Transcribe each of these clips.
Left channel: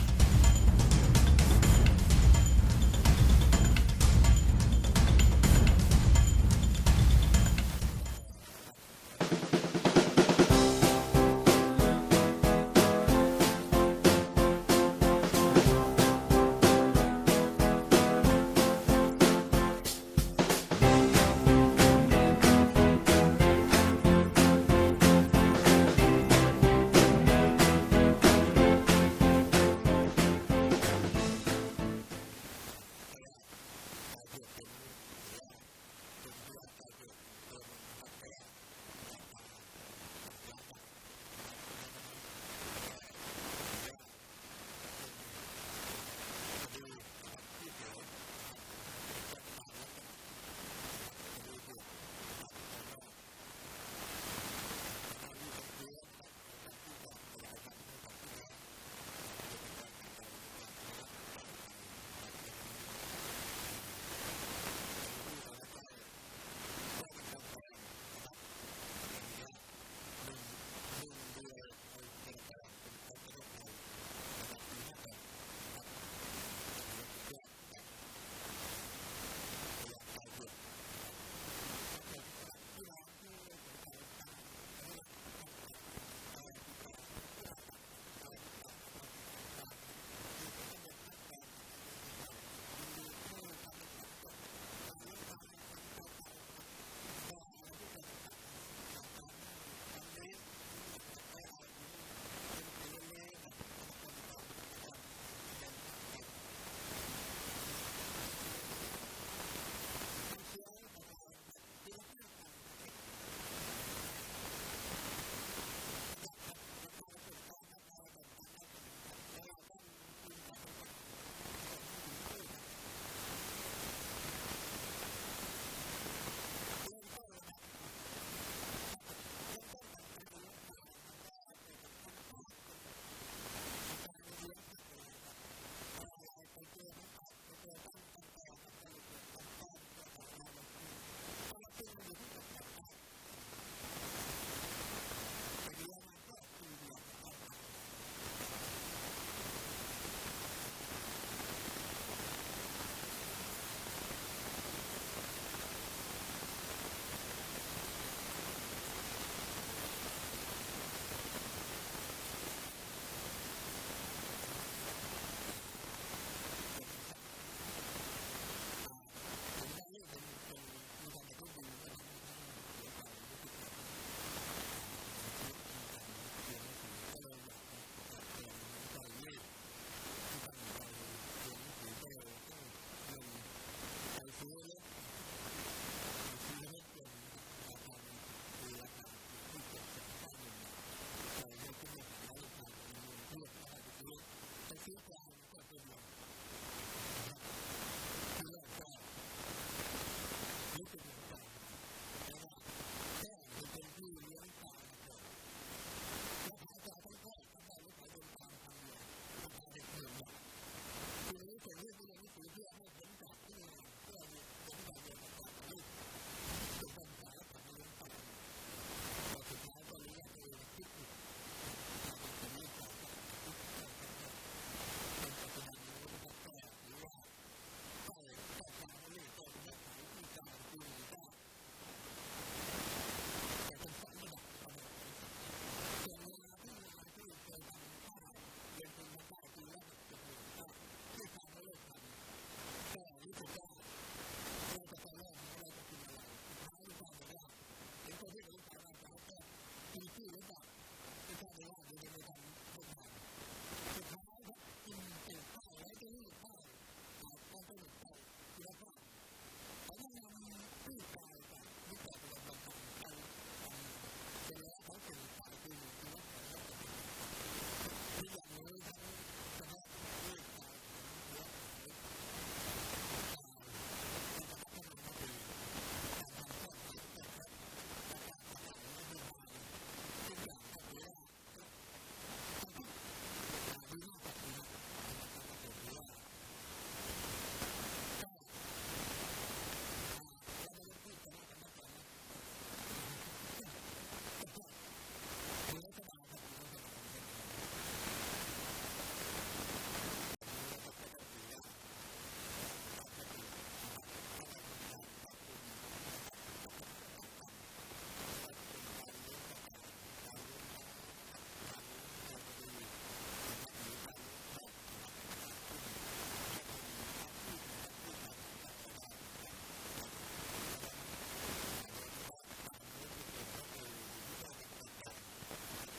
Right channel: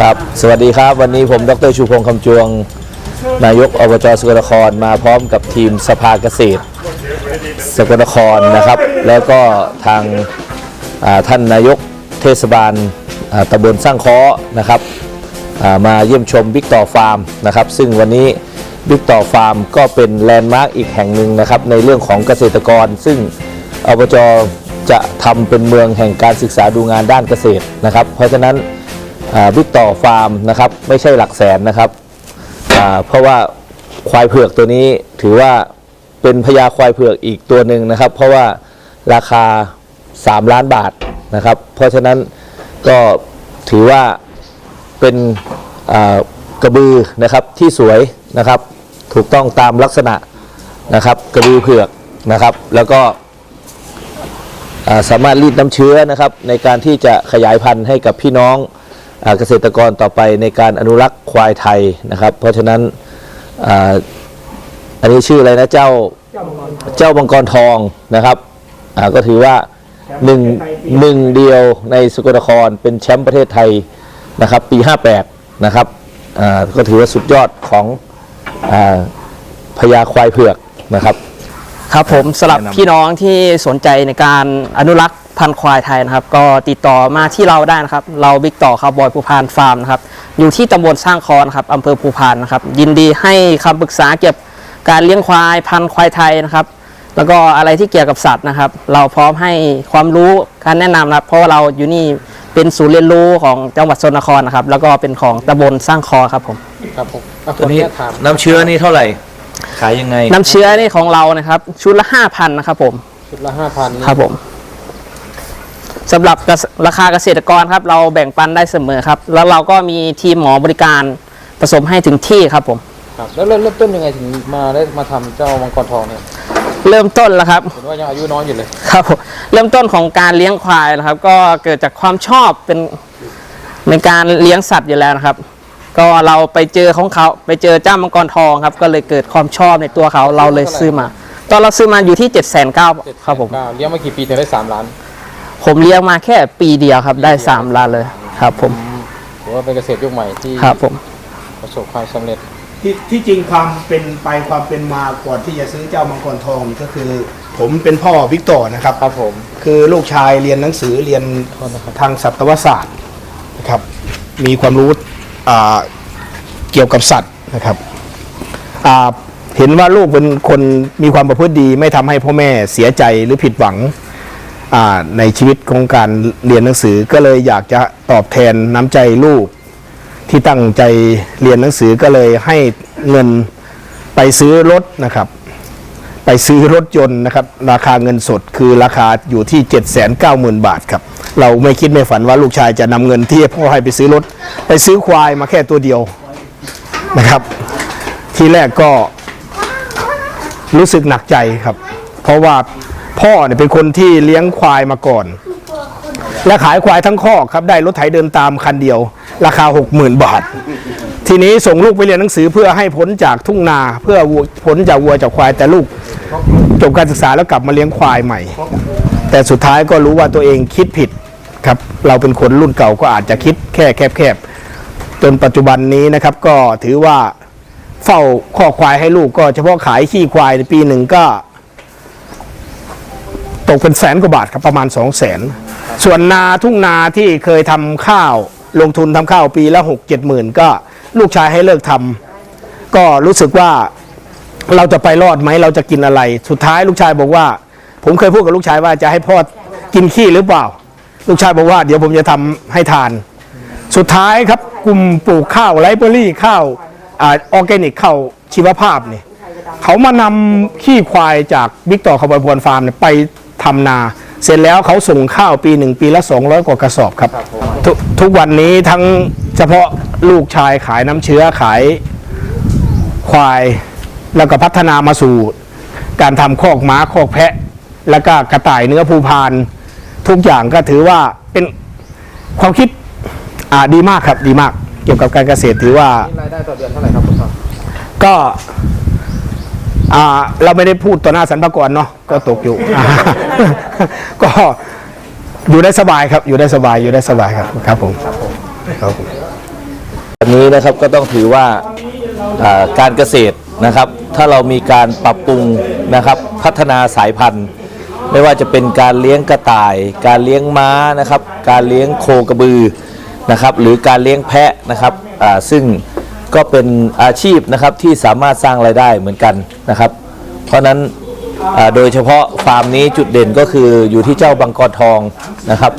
ครับ สวัสดีครับ วันนี้ผมดรชูพงษ์คำจวง นายกอบจสกลนครมาพร้อมกับทีมสภาเกษตร สกลนครนะครับ แล้วก็ทางท่านนายกเทศบาลตำบลสร้างค้อนะครับมาเยี่ยมชมบิ๊กต่อฟาร์มนะครับ ซึ่งวันนี้บิ๊กต่อฟาร์มก็เป็นแลนด์มาร์กอีกแห่งหนึ่งนะครับ ในเรื่องของเกษตรกร ซึ่งอบจจะทำเป็นเมืองแห่งการศึกษาดูงานด้านเกษตรนะครับ เพราะฉะนั้น บิ๊กต่อฟาร์มนะครับไม่ใช่หลักแสนนะครับเพราะว่าควายเผือกตัวนี้ถือว่าเป็นพญาควายเผือกอีกตัวหนึ่งนะครับ เพราะว่าราคา 3 ล้านบาทนะครับ เพราะฉะนั้นก็ถือว่าเป็นกระบือนะครับที่สวยนะครับ ถูกต้องตามลักษณะนะครับกระบือเผือกนะครับ แล้วก็สามารถรีดน้ำเชื้อนะครับในการที่จะขยายพันธุ์ให้กับพี่น้อง เกษตรกรต่อไปในการอนุรักษ์ควายไทยนะครับ เพราะฉะนั้นอาอันนี้ชื่ออะไรนะเจ้าเจ้ามังกรทองนะครับอ่าก็ถือว่าหนึ่งหนึ่งเดียวในสกลนครเป็นแชมป์ประเทศไทยนะครับ ปี 58 นะครับอ่าก็ถือว่าสุดยอดของอาพญาควายเผือกนะครับ ครับผมสำหรับแนะนำพี่น้องที่สนใจในการอนุรักษ์ พันธุ์ควายไทยนะครับ ก็ติดต่อมาที่เราได้นะครับ เราบิ๊กต่อคาร์บอยภูพานฟาร์มนะครับ อยู่ที่ตำบลสร้างคอนครับอำเภอภูพานนะครับ ยินดีให้คำปรึกษาเกี่ยวกับการเลี้ยงควายพันธุ์ควายไทยนะครับ แล้วก็อะไรที่เกี่ยวกับสัตว์นะครับ เราพร้อมให้ความรู้การแนะนำนะครับ เพราะว่าเราอยู่นี่เป็นศูนย์เรียนรู้ของจังหวัดสกลนครนะครับ แล้วก็เป็นของตำบลสร้างคอครับผม ครับผมอะตัวนี้ขออญาถามน้ำเชื้อนี่เท่าไหร่ ขายยังไง น้ำเชื้อนี่ของเรานะครับ ชุดละ 5,000นะครับผม ชุดละห้าพันครับผม สำหรับเกษราคาเกษตรกรครับ เราแบ่งปันได้เสมอครับ แล้วเราก็มีทีมหมอบริการผสมให้ถึงที่ครับผม ครับแล้วเริ่มเริ่มต้นยังไงถึงมาได้มาทำเจ้ามังกรทองเนี่ยเริ่มต้นแล้วครับ เห็นว่ายังอายุน้อยอยู่เลย ครับผมเริ่มต้นของการเลี้ยงควายนะครับ ก็เกิดจากความชอบเป็นในการเลี้ยงสัตว์อยู่แล้วนะครับ ก็เราไปเจอของเขาไปเจอเจ้ามังกรทองครับ ก็เลยเกิดความชอบในตัวเขาเราเลยซื้อมา ตอนเราซื้อมาอยู่ที่7จ็ดแสนเก้าครับผม เก้าเลี้ยงมากี่ปีถึงได้สามล้าน ผมเลี้ยงมาแค่ปีเดียวครับได้สามล้านเลยครับ ผมถือว่าเป็นเกษตรยุคใหม่ที่ครับผมประสบความสำเร็จที่ที่จริงความเป็นไปความเป็นมาก่อนที่จะซื้อเจ้ามังกรทองนี่ก็คือ ผมเป็นพ่อวิกตอร์นะครับครับผมคือลูกชายเรียนหนังสือเรียนทางสัตวศาสตร์นะครับ มีความรู้อ่าเกี่ยวกับสัตว์นะครับอ่าเห็นว่าลูกเป็นคนมีความประพฤติดี ไม่ทำให้พ่อแม่เสียใจหรือผิดหวังอ่า ในชีวิตของการเรียนหนังสือก็เลยอยากจะตอบแทนน้ำใจลูก ที่ตั้งใจเรียนหนังสือก็เลยให้เงินไปซื้อรถนะครับ ไปซื้อรถยนต์นะครับ ราคาเงินสดคือราคาอยู่ที่ 7 9 0 0 0 0 บาทครับ เราไม่คิดไม่ฝันว่าลูกชายจะนำเงินที่พ่อให้ไปซื้อรถ ไปซื้อควายมาแค่ตัวเดียวนะครับ ทีแรกก็รู้สึกหนักใจครับ เพราะว่า พ่อเนี่ยเป็นคนที่เลี้ยงควายมาก่อน และขายควายทั้งคอกครับได้รถไถเดินตามคันเดียว ราคา 60,000 บาท ทีนี้ส่งลูกไปเรียนหนังสือเพื่อให้พ้นจากทุ่งนาเพื่อพ้นจากวัวจากควายแต่ลูกจบการศึกษาแล้วกลับมาเลี้ยงควายใหม่ แต่สุดท้ายก็รู้ว่าตัวเองคิดผิดครับเราเป็นคนรุ่นเก่าก็อาจจะคิดแค่แคบๆจนปัจจุบันนี้นะครับก็ถือว่าเฝ้าข้อควายให้ลูกก็เฉพาะขายขี้ควายในปีหนึ่งก็ ตกเป็นแสนกว่าบาทครับประมาณ2 0 0แสนส่วนนาทุ่งนาที่เคยทำข้าวลงทุนทำข้าวปีละหกเจ็ดหมื่นก็ลูกชายให้เลิกทำก็รู้สึกว่าเราจะไปรอดไหมเราจะกินอะไร สุดท้ายลูกชายบอกว่า ผมเคยพูดกับลูกชายว่าจะให้พ่อกินขี้หรือเปล่า ลูกชายบอกว่า เดี๋ยวผมจะทำให้ทาน สุดท้ายครับกลุ่มปลูกข้าวไรเบอรี่ข้าวออร์แกนิกข้าวชีวภาพเนี่ยเขามานำขี้ควายจากบิ๊กต่อคาร์บอยพวนฟาร์มไป ทำนา เสร็จแล้วเขาส่งข้าวปีหนึ่งปีละ 200 กว่ากระสอบครับทกทุกวันนี้ทั้งเฉพาะลูกชายขายน้ำเชื้อขายควาย แล้วก็พัฒนามาสู่ การทำคอกม้าคอกแพะ แล้วก็กระต่ายเนื้อภูพาน ทุกอย่างก็ถือว่าเป็นความคิดอ่าดีมากครับดีมาก เกี่ยวกับการเกษตรถือว่านี่รายได้ต่อเดือนเท่าไหร่ครับคุณพ่อก็อ่า เราไม่ได้พูดต่อหน้าสรรพากรเนาะก็ตกอยู่ ก็อยู่ได้สบายครับ อยู่ได้สบายอยู่ได้สบายครับครับผมครับผมวันนี้นะครับก็ต้องถือว่าการเกษตรนะครับ ถ้าเรามีการปรับปรุงนะครับพัฒนาสายพันธุ์ ไม่ว่าจะเป็นการเลี้ยงกระต่าย การเลี้ยงม้านะครับ การเลี้ยงโคกระบือนะครับ หรือการเลี้ยงแพะนะครับซึ่ง ก็เป็นอาชีพนะครับที่สามารถสร้างรายได้เหมือนกันนะครับ เพราะนั้นโดยเฉพาะฟาร์มนี้จุดเด่นก็คืออยู่ที่เจ้าบังกรทองนะครับ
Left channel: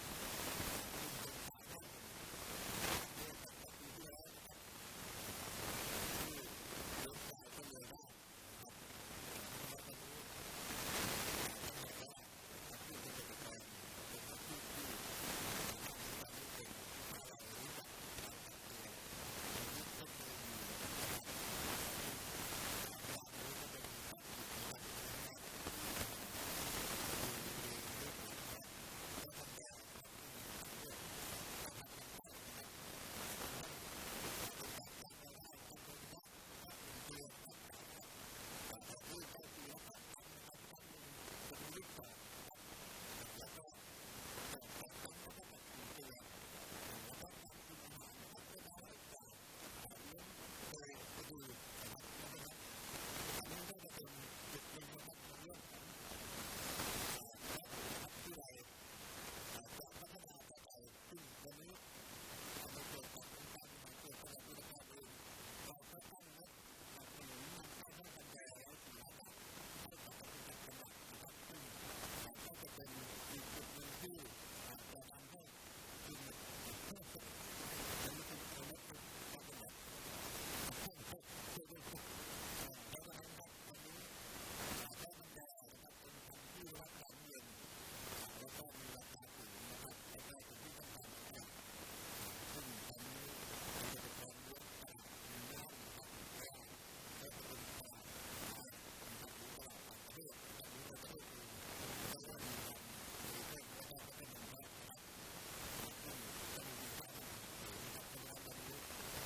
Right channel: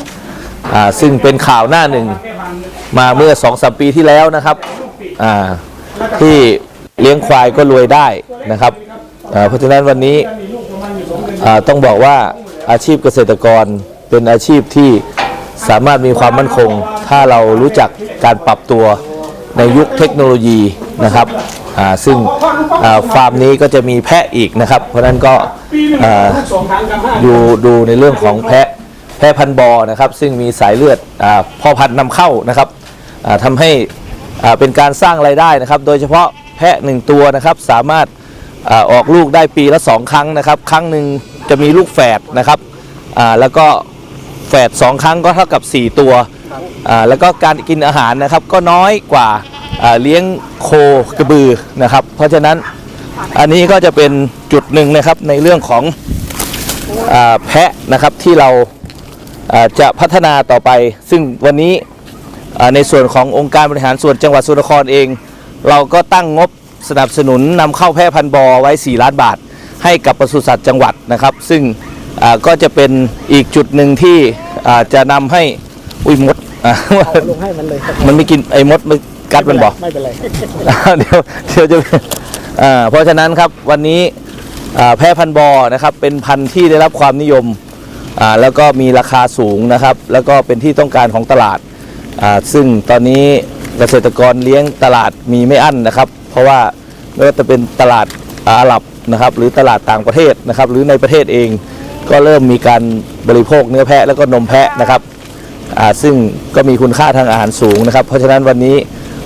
ซึ่งเป็นข่าวหน้าหนึ่งมาเมื่อ2องสปีที่แล้วนะครับที่เลี้ยงควายก็รวยได้นะครับเพราะฉะนั้นวันนี้ต้องบอกว่าอาชีพเกษตรกรเป็นอาชีพที่สามารถมีความมั่นคง ถ้าเรารู้จักการปรับตัว ในยุคเทคโนโลยีนะครับซึ่งฟาร์มนี้ก็จะมีแพะอีกนะครับ เพราะนั้นก็ดูดูในเรื่องของแพะแพะพันธ์บอนะครับ ซึ่งมีสายเลือดอพ่อพันธุ์นำเข้านะครับทำให้เป็นการสร้างไรายได้นะครับ โดยเฉพาะแพะหนึ่งตัวนะครับสามารถออกลูกได้ปีละ2ครั้งนะครับ ครั้งหนึ่งจะมีลูกแฝดนะครับแล้วก็แฝดสองครั้งก็เท่ากับ 4 ตัว แล้วก็การกินอาหารนะครับก็น้อยกว่าเลี้ยงโคกระบือนะครับ เพราะฉะนั้นอันนี้ก็จะเป็นจุดหนึ่งนะครับในเรื่องของอแพะนะครับที่เราจะพัฒนาต่อไป ซึ่งวันนี้ในส่วนขององค์การบริหารส่วนจังหวัดสุรครเอง เราก็ตั้งงบสนับสนุนนำเข้าแพะพันธ์บอไว้ 4 ล้านบาท ให้กับปศุสัตว์จังหวัดนะครับ ซึ่งก็จะเป็นอีกจุดหนึ่งที่จะนำให้ อุ้ยมดอ่าลงให้มันเลยครับมันไม่กินไอ้มดมันกัดมันบอกไม่เป็นไรเดี๋ยวเดี๋ยวจะอ่าเพราะฉะนั้นครับวันนี้อ่าแพะพันธุ์บอนะครับ เป็นพันธุ์ที่ได้รับความนิยมอ่าแล้วก็มีราคาสูงนะครับ แล้วก็เป็นที่ต้องการของตลาดอ่าซึ่งตอนนี้เกษตรกรเลี้ยงตลาดมีไม่อั้นนะครับ เพราะว่าไม่ว่าจะเป็นตลาดอาหรับนะครับ หรือตลาดต่างประเทศนะครับ หรือในประเทศเองก็เริ่มมีการบริโภคเนื้อแพะแล้วก็นมแพะนะครับอ่า ซึ่งก็มีคุณค่าทางอาหารสูงนะครับ เพราะฉะนั้นวันนี้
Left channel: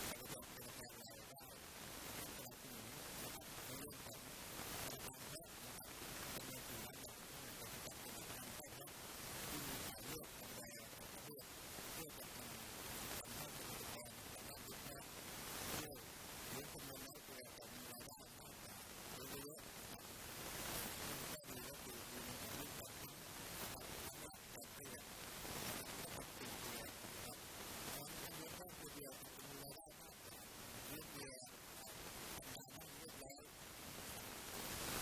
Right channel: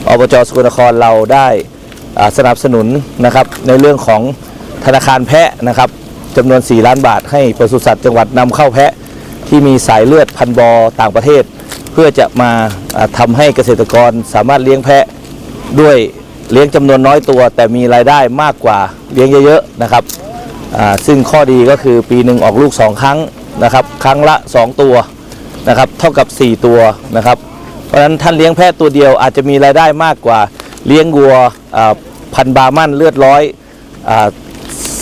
อบจสกลนครเราได้สนับสนุนนะครับในเรื่องของธนาคารแพะนะครับจำนวน 4 ล้านบาท ให้ปศุสัตว์จังหวัดนำเข้าแพะที่มีสายเลือดพันธุ์บอต่างประเทศ เพื่อจะมาอ่าทำให้เกษตรกรสามารถเลี้ยงแพะด้วยเลี้ยงจำนวนน้อยตัว แต่มีรายได้มากกว่าเลี้ยงเยอะๆนะครับซึ่งข้อดีก็คือปีหนึ่งออกลูก 2 ครั้งนะครับ ครั้งละ 2 ตัว นะครับเท่ากับ 4 ตัวนะครับ เพราะฉะนั้นท่านเลี้ยงแพะตัวเดียวอาจจะมีรายได้มากกว่าเลี้ยงวัวพันบามั่นเลือดร้อย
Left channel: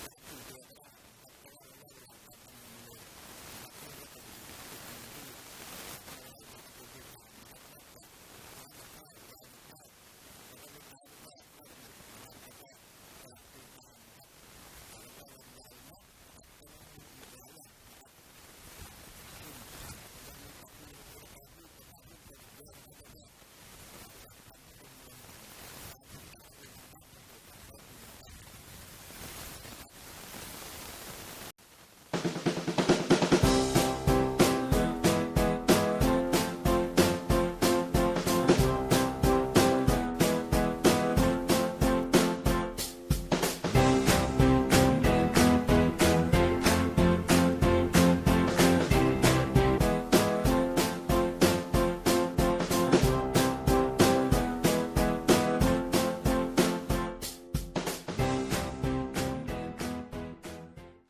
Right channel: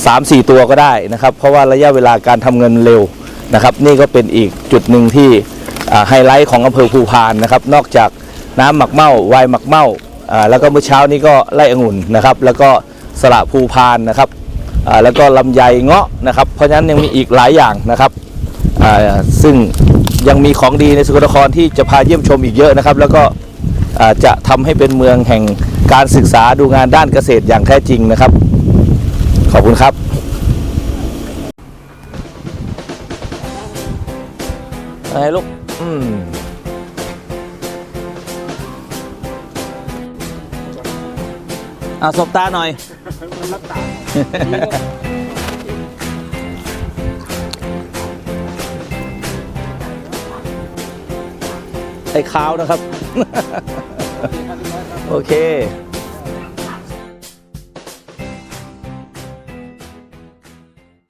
สามสี่ตัวก็ได้นะครับ เพราะว่าระยะเวลาการทำเงินเร็วนะครับ นี่ก็เป็นอีกจุดหนึ่งที่ไฮไลท์ของอำเภอภูพานนะครับ นอกจากน้ำหมักเมาไวน์หมักเมาอ่าแล้วก็เมื่อเช้านี้ก็ไล่องุ่นนะครับ แล้วก็สละภูพานนะครับแล้วก็ลำไยเงาะนะครับ เพราะฉะนั้นยังมีอีกหลายอย่างนะครับซึ่ง ยังมีของดีในสกลนครที่จะพาเยี่ยมชมอีกเยอะนะครับ แล้วก็จะทำให้เป็นเมืองแห่งการศึกษาดูงานด้านเกษตรอย่างแท้จริงนะครับ ขอบคุณครับไงลูกอืมอะสบตาหน่อย ไอ้ขาวนะครับ โอเค